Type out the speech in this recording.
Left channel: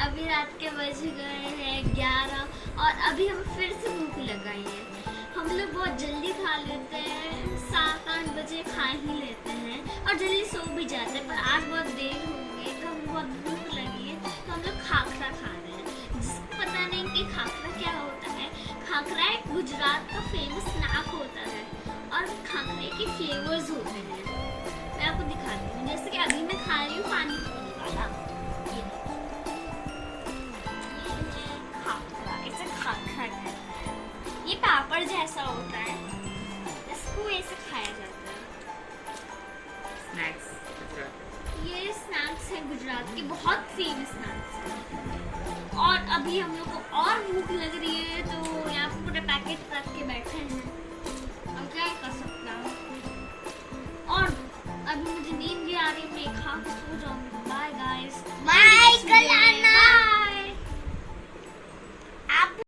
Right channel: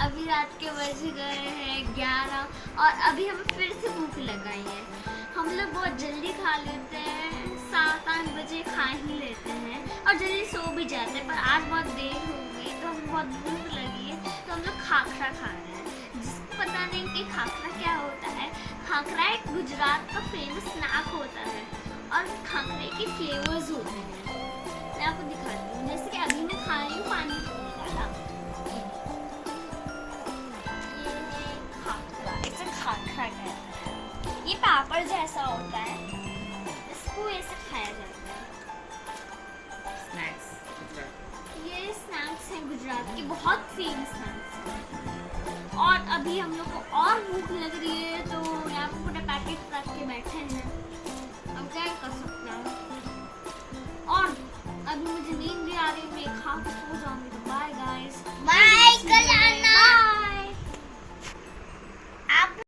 अभी रात के बज गए हैं 11 और अभी हमें फिर से भूख लगाई है। हम लोग बहुत जल्दी खा लेते हैं, 7-8 बजे खा ही लेते हैं और जल्दी सो भी जाते हैं। पर आज बहुत देर हो गई तो हमें बहुत भूख लगी है तो हम लोग खाखरा खा रहे हैं। जिसको पता नहीं कि खाखरा क्या होता है, खाखरा एक गुजरात का फेमस स्नैक होता है और खाखरे के फ्लेवर्स होते हैं। मैं आपको दिखाती हूँ, जैसे कि अभी मैं खा रही हूँ पानी वाला खाखरा। इसे खाखरा कहते हैं। ये पापड़ जैसा होता है, इसको ऐसे खाया जाता है। स्नैक्स ये स्नैक्स हैं गुजरात की, बहुत फेमस स्नैक्स हैं। और अभी हम लोग को और भूख लग रही है तो यहाँ पे पूरे पैकेट रख के बैठे हैं। अब क्या कर सकते हैं। और अभी मुझे नींद भी आ रही है, मैं खा के सो जाऊंगी।